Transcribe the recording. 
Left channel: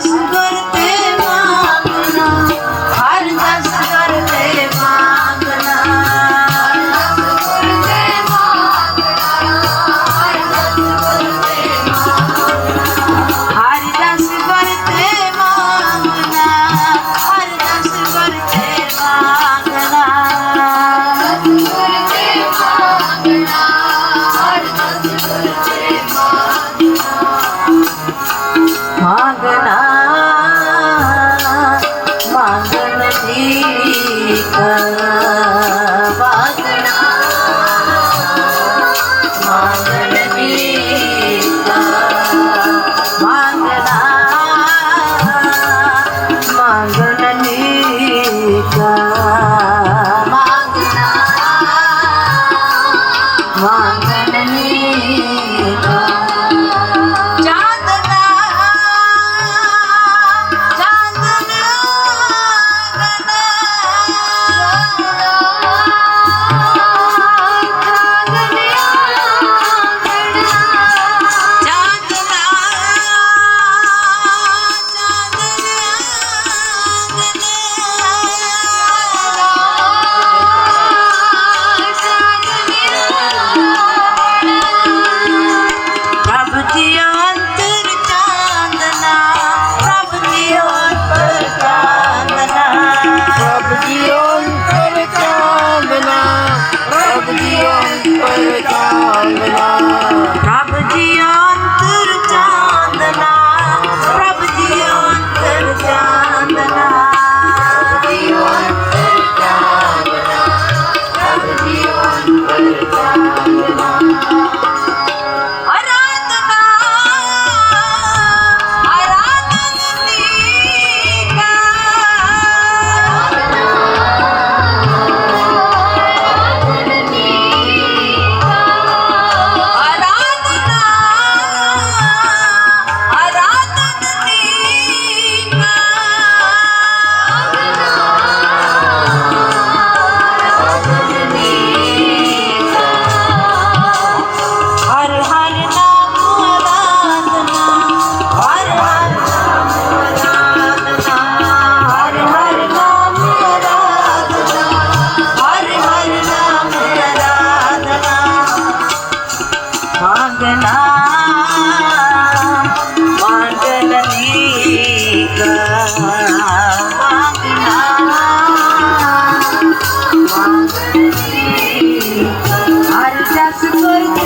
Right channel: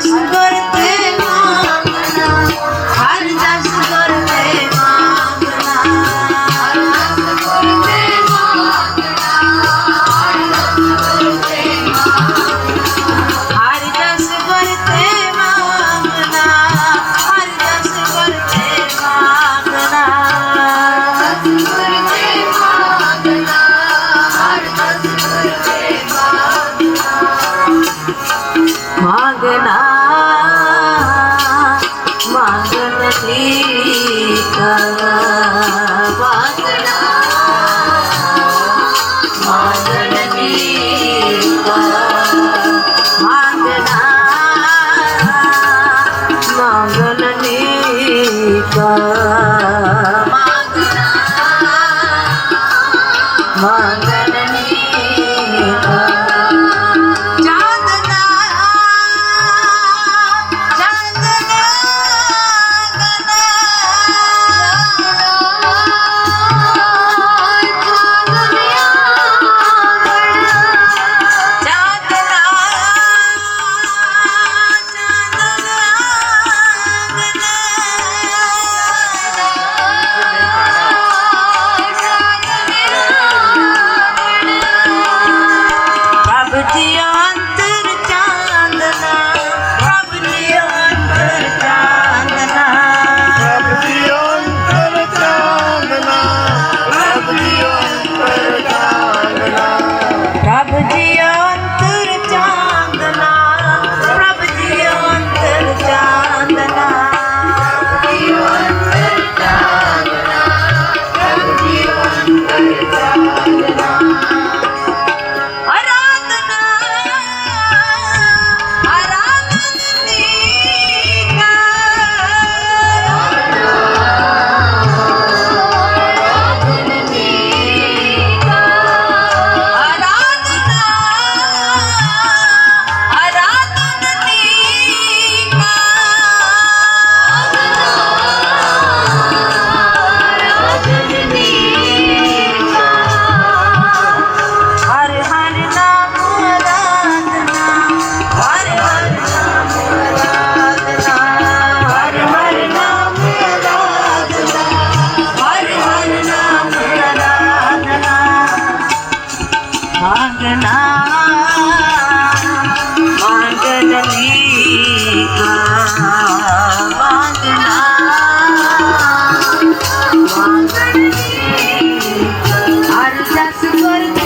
青春 Manganita Let it go.